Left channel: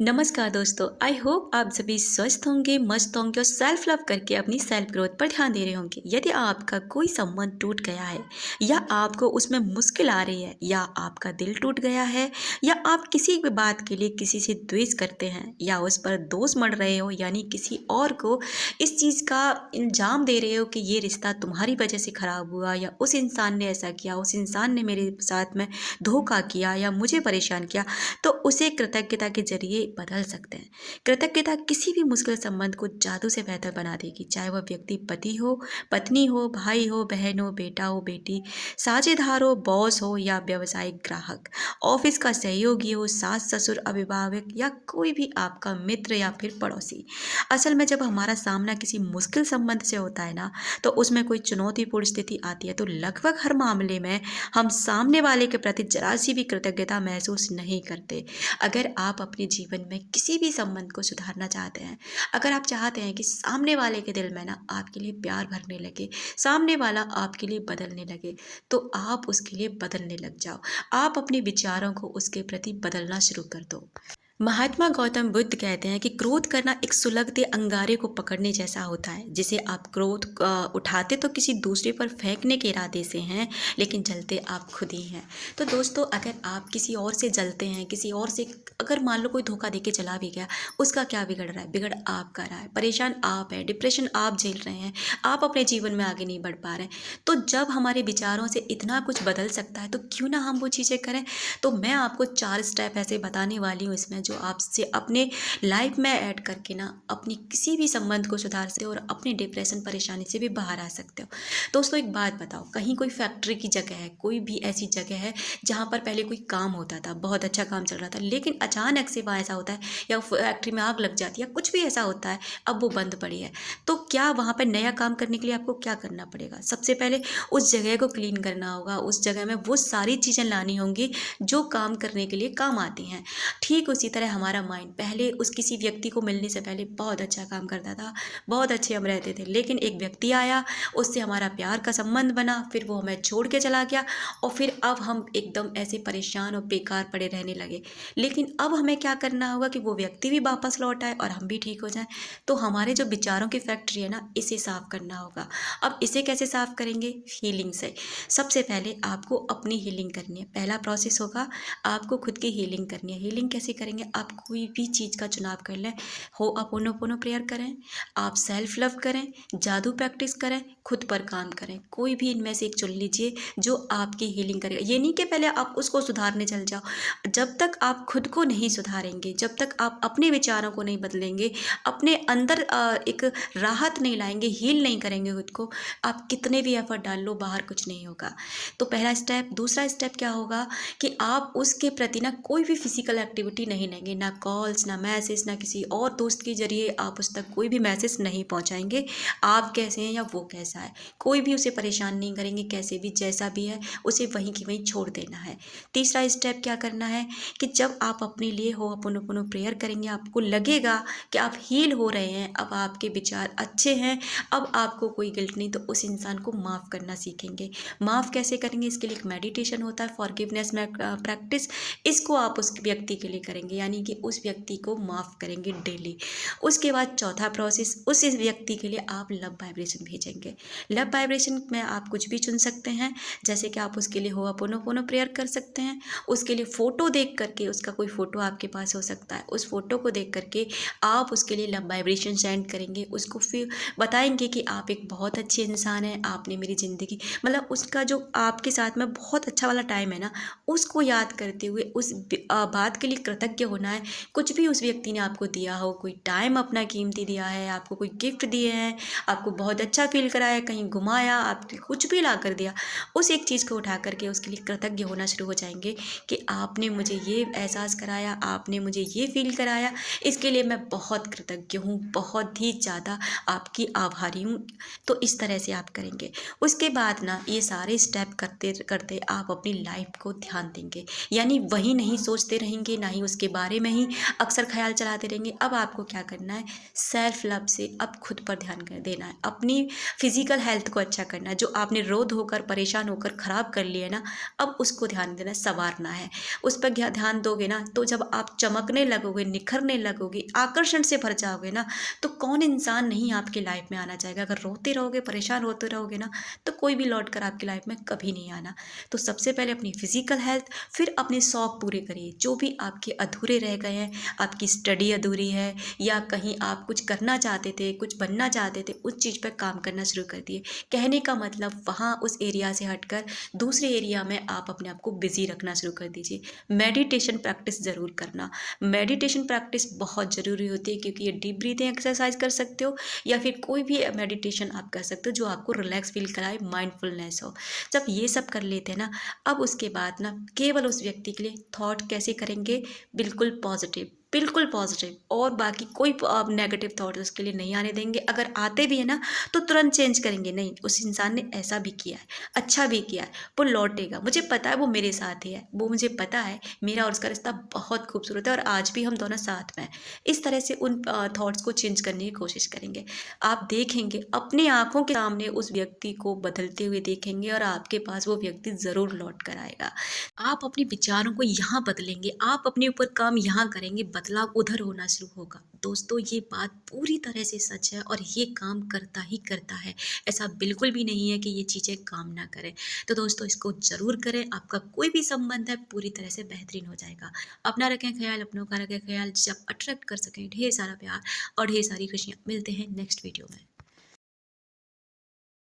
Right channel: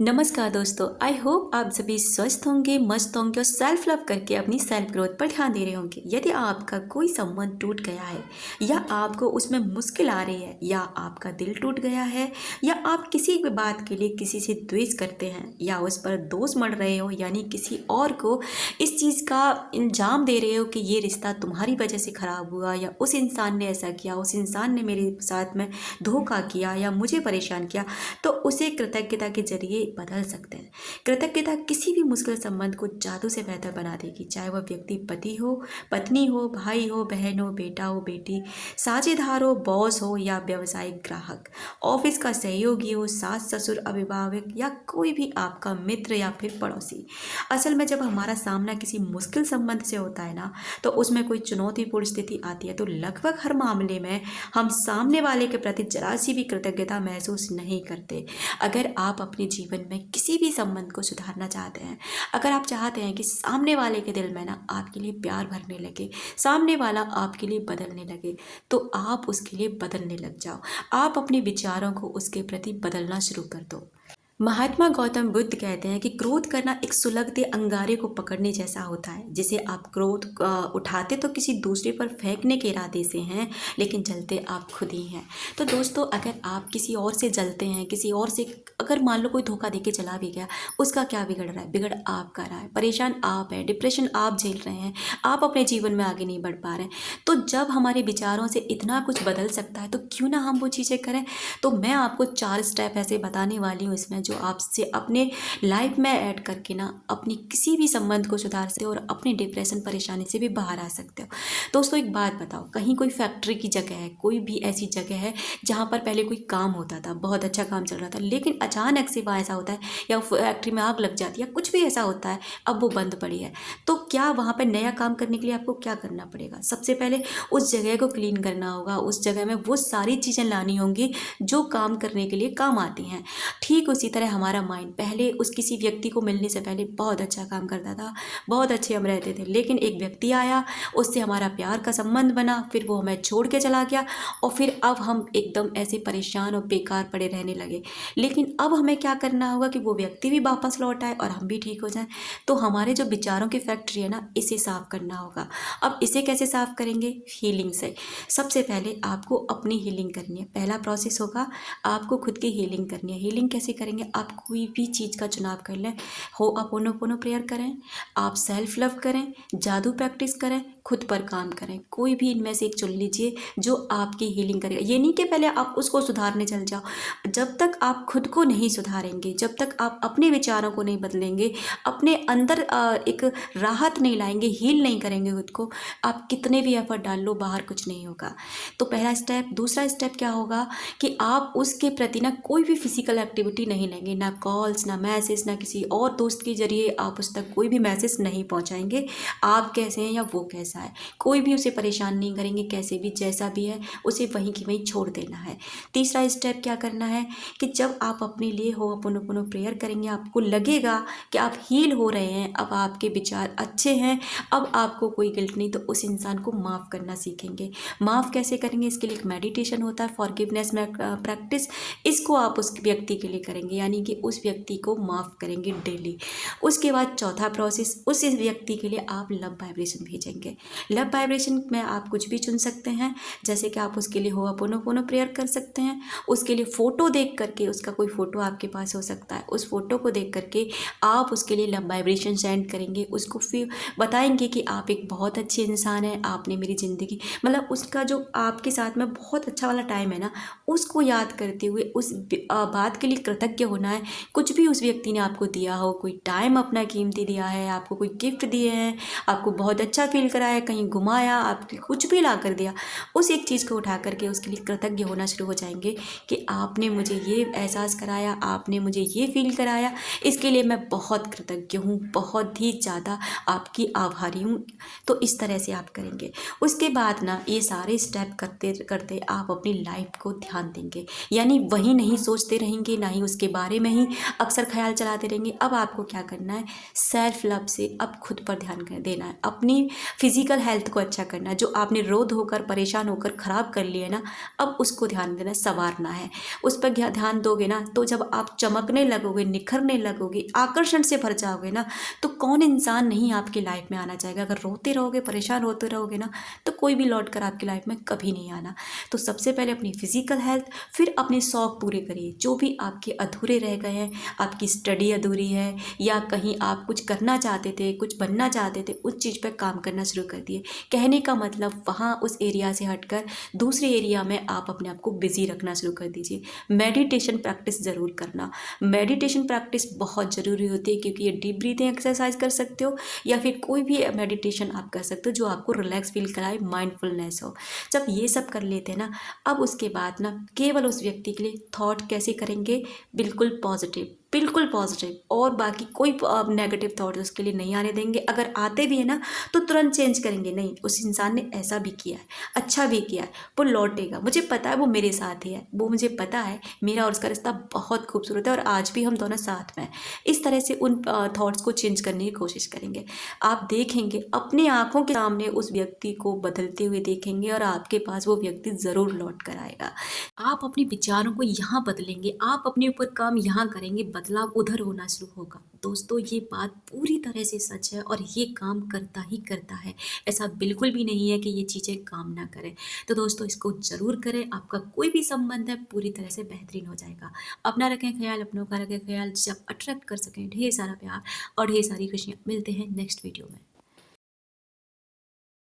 नमस्कार दोस्तों, I hope आप सभी स्वस्थ होंगे, मस्त होंगे और सेल्फ लव करके अपनी सेल्फ ग्रोथ पर ध्यान दे रहे होंगे। यदि आपका कोई संबंध टूट गया है या आपको उसमें मुश्किल आ रही है या आपका दिल टूट गया है या आप किसी भी बात के लिए किसी से द्वेष करते हैं या उस पर दोष मढ़ रहे हो, यानी किसी और को इस चीज़ का इल्ज़ाम दे रहे हो कि ये रिश्ता तुम्हारी वजह से ख़राब हुआ या उस इंसान ने ऐसा किया, उस इंसान ने मेरे साथ में धोखा किया या मुझे परेशान किया, तो उसे कृतज्ञता के जरिए बदल सकते हैं। कृतज्ञता किसी भी मुश्किल संबंध को जादू से बेहतर बना देगी, चाहे वह व्यक्ति पति हो, पत्नी हो, भाई हो, बहन हो, बेटा हो, बेटी, साझेदार हो, बॉस हो या व्यावसायिक ग्राहक, ऑफिस का सहयोगी हो, सास ससुर, अभिभावक या कोई भी आपका मित्र या फिर पड़ोसी। असल में जब हमारा सामना किसी मुश्किल संबंध से होता है ना, तो उसमें कोई चुनौतीपूर्ण स्थिति आती है, तो लगभग हर मामले में हम सामने वाले के प्रति जरा सी भी कृतज्ञता महसूस नहीं करते। अगर आप अपने जीवन में किसी भी संबंध को सुधारना चाहते हैं, अगर आप चाहते हैं कि सामने वाले के दिल में ना आपके लिए प्यार भरने लगे, सामने वाला आपके लिए बदलने लगे, तो आप उसके लिए बदलने लग जाओ। आप अपने विचारों को उसके प्रति बदलना शुरू कर दो। महात्मा गौतम बुद्ध कहते हैं कि क्रोध करना एक सुलगते अंगारे को पकड़ने जैसा होता है, जिसे आप क्रोध उठाते तो किसी दूसरे पर फेंकने के इरादे से हैं, लेकिन जलते आप खुद ही हैं। तो दोस्तों, अगर आप किसी और से जलते हैं, किसी और से अगर मान लो कोई धोखा देके चला भी गया, उसका क्या बिगड़ रहा है? बिगड़ आप कर रहा है, परेशान आप हैं, डिप्रेशन आप झेल रहे हैं, आप अपने जीवन में आगे नहीं बढ़ पा रहे हैं। तो जब हमारे विचारों से इतना कुछ बदल सकता है, तो क्यों ना हम वो चीज़ें करें। तो मैं आपको 4 स्टेप ऐसे बताने वाली हूँ इसमें, जो आपसे अपने लाइफ में ऐड करके ना अपनी किसी भी संबंध को सुधार सकते हो और अपनी डिप्रेशन परेशानी से भी बाहर आ सकते हो। दोस्तों, एक बात बताओ, कहीं कोई फैक्ट्री की जगह है, कोई भी ऐसी जगह है जहाँ पर पहले कोई काम होता था, बहुत अच्छा काम चल रहा था, लेकिन अचानक से वहाँ ऐसा होता है या फैक्ट्री में आग लग जाती है, कुछ भी ऐसा होता है, अब वो बंद पड़ी है। तो क्या वहाँ पर नया काम करने के लिए आपको क्या करना पड़ेगा? सबसे पहले उस जगह को क्लीन करना होगा, उस जगह में वो सारी चीज़ें लानी होंगी जो काम करने के लिए काम आती हैं। ठीक उसी तरह हमारा माइंड पहले उस किसी व्यक्ति को मिलने से पहले बहुत अच्छा काम करता था, बहुत अच्छे हम रहते थे, लेकिन एक व्यक्ति आया, उससे हमारा प्यार का संबंध बना, फिर वो हमें छोड़ के चला गया और फिर अब हम एकदम ऐसे परेशान और बेकार पड़े रहने लगे। लेकिन अब हमें क्या करना होगा कि वो व्यक्ति भी वापस लौट आए और हम भी ठीक हो जाएं। तो हमारे जो विचारों की फैक्ट्री है ना, इसे साफ करना होगा। अब इसे कैसे साफ करेंगे? हीलिंग से। सबसे पहले आपको अपनी हीलिंग करनी है। पहला प्रोसेस होगा, आपको खुद की हीलिंग करनी है। हीलिंग कैसे करेंगे? आप कोई भी चीज़ का चुनाव कर लें, हो अपोनोपोनो प्रेयर करें, आप सेल्फ लव करें, जादू प्रैक्टिस करें, खुद पर काम करें, कोई भी इनमें से एक चुन लीजिए जो आपकी हीलिंग करेगा। ये नहीं कि पहले आप उसको सुधारने चल जाओ। जब तक आप खुद को नहीं सुधारेंगे, जब तक आप अपने विचारों को नहीं बदलेंगे, अपने अंदर एक राहत नहीं लाएंगे, हील नहीं करेंगे खुद को, आप कितने भी एफर्ट डाल लो, बाहर कुछ नहीं होगा। तो पहला स्टेप। दूसरा स्टेप क्या होगा कि आप उसके प्रति ना कोई भी फिजिकल एक्टिविटी नहीं लेंगे, ना कॉल्स, ना मैसेज, ना किसी और दोस्त के जरिए आप उस तक कोई भी मैसेज नहीं पहुंचाएंगे। आप कैसे हैं या वो कैसा है, कोई भी उसे परेशान नहीं करेंगे, कैसे भी जैसा भी है उसे वहीं की वहीं छोड़ देना है। तीसरा स्टेप क्या करना है कि जब आप अपने लिए हो अपनो प्रेयर करेंगे, आपको लगेगा कि आप हील हो रहे हैं, अब आपके विचार अच्छे हैं, अब आपको कोई गिल्ट नहीं, तो उस इंसान को माफ़ करना सीखेंगे। माफ़ कैसे करेंगे? इसके लिए एक मेडिटेशन होता है, फॉरगिवनेस में प्रैक्टिस। इसको आप उस व्यक्ति के लिए करेंगे, यानी कि उस व्यक्ति को माफ़ करेंगे डेली। उसके बाद चौथा प्रोसेस, उस व्यक्ति के लिए आप लव वाइब्रेशन भेजेंगे। लव वाइब्रेशन में आप कुछ भी चुन सकते हैं, जैसे कि आप उसके लिए होआपोनोपोनो प्रेयर कर सकते हैं, उसके लिए फ़ोटो देख करके, उसका कोई फ़ोटो आपके पास हो सकता है, उस फ़ोटो को देख करके आप उसके लिए लव वाइब्रेशन सेंड करेंगे, उसको फिर बताएंगे कि आप एक बहुत अच्छे इंसान हैं, आपने मेरी ज़िंदगी, मतलब उसका जो आपके साथ में बहुत अच्छा वाला टाइम है ना, उसको याद करते हुए उस बात के लिए कृतज्ञ होना है। कुछ भी उस व्यक्ति ने आपको दिया हो, कोई टाइम अपना कीमती दिया है, आपको कोई गिफ्ट दिए हैं, आपको बहुत अच्छा फील कराया, कहीं घुमाया, आपको कुछ भी ला कर दिया, उस एक चीज़ को उठा करके उसके लिए कृतज्ञ होना शुरू हो जाएंगे कि आपने मुझे ये एहसास कराया, आपने मुझे ये फील कराया, इसके लिए मैं बहुत कृतज्ञ हूँ, बहुत ही ज़्यादा आपकी आभारी हूँ। तो इस तरह से आप करेंगे। उसके बाद ना ये सारे स्टेप करते करते आप अपनी लाइफ को ध्यान देंगे, यानी वही नहीं सोचते रहेंगे, ना ही उसके बारे में ही अक्सर ख्याल चलाते रहेंगे। अब आपको क्या करना है, सेल्फ लव से अब खुद पर देना है, अपनी फिजिकल हेल्थ को अच्छा करना है। जो आपने रो धोकर परेशान होकर ख़राब कर लिया है ना, अब उसको ध्यान देना है, संवारना है। उस पर ध्यान दोगे ना तो जब आप चमकने लगोगे, निखरने लगोगे, आकर्षण से भर जाओगे ना, तो कौन इंसान नहीं आपकी लाइफ में आना चाहेगा। अगर रोते रहोगे, परेशान होते रहोगे ना, तो कोई भी लौट कर आपकी लाइफ में कभी नहीं आना। तो सबसे पहले अपनी फिजिकल हेल्थ, फिर अपने शौक पूरे करिए। जो भी आपके अधूरे रह गए हैं, आपकी स्टडी अधूरी है या कहीं आप कुछ करना चाहते थे, कुछ बनना चाहते थे, उस चीज़ पर काम करना शुरू कर दिए। कहने का मतलब वहाँ उस एरिया से हटकर दूसरे एरिया में आप अपने आप को बिजी रखना शुरू कर दीजिए। मेडिटेशन प्रैक्टिस ज़रूर करना। मेडिटेशन प्रैक्टिस बहुत ज़रूरी होती है, क्योंकि ये डीप ब्रीथिंग एक्सरसाइज कर सकते हो या फिर कोई भी मेडिटेशन आप कर सकते हो जो आपको रिलैक्स फील कराए, माइंडफुलनेस हो। जब ये सब कर लेते हैं ना, अब उसके बाद ना केवल उस व्यक्ति के लिए थॉट कैसे करेंगे, बिल्कुल पॉजिटिव, बिल्कुल पॉजिटिव, और बाकी कोई नेगेटिव थॉट उसके लिए नहीं आने देंगे। अगर आते भी है ना तो तुरंत चेंज करेंगे, नहीं उस इंसान ने ऐसा भी किया है, अच्छा भी किया है, वो लौटेगा, मुझे पता है वो मेरे साथ ही है, वो मुझे पता है मेरा और उसका रिश्ता बहुत खूबसूरत है और आज भी हम दोनों साथ में हैं। इस तरह से उन थॉट्स को चेंज करने की कोशिश करेंगे। आप देखेंगे अपनी आंखों के सामने उस व्यक्ति को बदलते हुए देखेंगे और आपके पास वो व्यक्ति ज़रूर लौट कर आएगा। आप अपने विचारों को यहाँ बदलेंगे, आप अपने ऊपर काम यहाँ करेंगे, बदलाव उधर होना शुरू होगा। दोस्तों ये बात पूरी तरह से सच है और ये काम करता ही करता है। ऐसा बिल्कुल भी नहीं है कि ये चीज़ें काम ना करें। तो दोस्तों इसको ज़रूर करें, आपका कोई भी संबंध है पूरी तरह से बेहतरीन हो जाएगा। अपना रखें ख्याल, अपनों का रखें ख्याल, जब अट्रैक्ट कर सकें ढेर सारा प्यार और ढेर सारी खुशियाँ। मिलते हैं नेक्स्ट वीडियो में।